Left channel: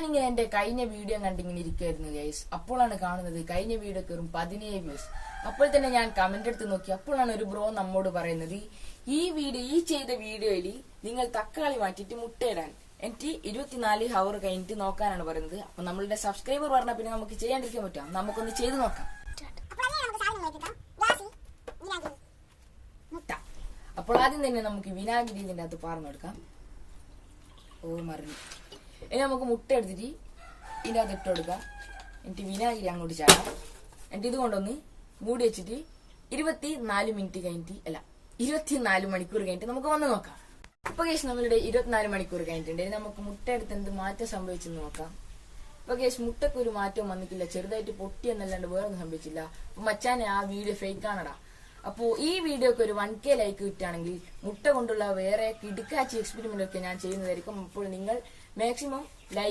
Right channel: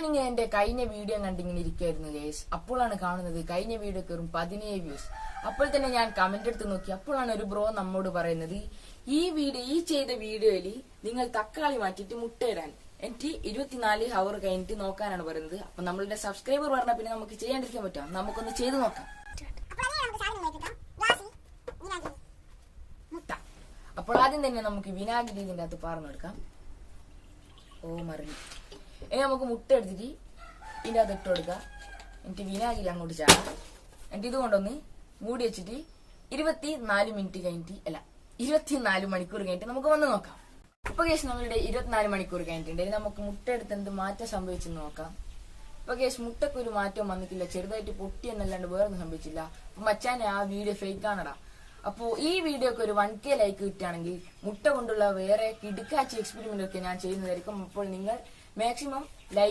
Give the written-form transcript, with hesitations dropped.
ഞാനിങ്ങനെ എന്റെ കഴിഞ്ഞ വീഡിയോ കണ്ടിങ്ങനെ ഇരിക്കുമായിരുന്നു ഗൈസ്. അപ്പോഴാണ് കാണുന്നത് കഴിഞ്ഞ വീഡിയോ കയറും 17 വ്യൂസ്. അപ്പോൾ തന്നെ ഞാൻ കമന്റ് എടുത്ത് നോക്കി. അപ്പോഴാണ് ഒരു ബ്രോ നമ്മോട് പറയുന്നത്, ഈ ചെയ്ത വീഡിയോയിൽ നിങ്ങൾ തക്കാളി മാറ്റിയിട്ട് മുട്ടയിടാൻ എനിക്ക് 24 ഹവർ കഴിഞ്ഞിട്ട് നോക്കാനാണ് പറയുന്നത്. അപ്പൊ നമ്മളുടെ സബ്സ്ക്രൈബർ പറഞ്ഞ പിന്നെ നമുക്ക് ചെയ്യാണ്ടിരിക്കാൻ പറ്റാം. നമുക്കൊന്ന് ചെയ്ത് നോക്കാം. മുട്ട. അപ്പോൾ ആദ്യം തന്നെ നമുക്ക് വിനാഗിരി ഇതിന്റെ അകത്ത് പാർന്നെടുക്കാം. മറിഞ്ഞു. ഇനി നമുക്ക് മുട്ട എടുത്തിട്ട് ഇതിന്റെ അകത്ത് ഇട്ട് കൊടുക്കാം. എന്നിട്ട് വിനാഗിരി അങ്ങോട്ട് ചാടാം. എന്നിട്ട് ഇതുകൊണ്ടൊന്ന് മൂടി വെച്ചിട്ട് 24 മിനിറ്റ് കഴിഞ്ഞിട്ട് 24 മണിക്കൂർ കഴിഞ്ഞിട്ട് നമുക്ക് വന്ന് നോക്കാം. ഇപ്പൊ കേസ് നമ്മളുടെ 24 മണിക്കൂർ കഴിഞ്ഞിട്ടുണ്ട്. ഇനി നമുക്ക് മുട്ട എടുത്ത് എന്ത് മാറ്റം സംഭവിച്ചെന്ന് നോക്കാം. ഇപ്പൊ കേസ് മുട്ടക്ക് ഒരു മാറ്റവും വന്നിട്ടില്ല. ചെറുതായിട്ട് പൊട്ടി എന്നല്ലാണ്ട് വേറൊന്നും സംഭവിച്ചില്ല. അപ്പൊ മച്ചാനെ ആ വീഡിയോ ഫേക്ക് ആണടാ. അപ്പോ ഈ വീഡിയോക്ക് ഒരു 1K ലൈക്ക് കിട്ടുകയാണെങ്കിൽ മുട്ട കൊണ്ടുള്ള വേറെ കിടുക്കാച്ചി എക്സ്പെരിമെന്റ് ഒക്കെ ഞാൻ ചെയ്യുന്നതായിരിക്കും. അപ്പോൾ നിങ്ങൾ മാക്സിമം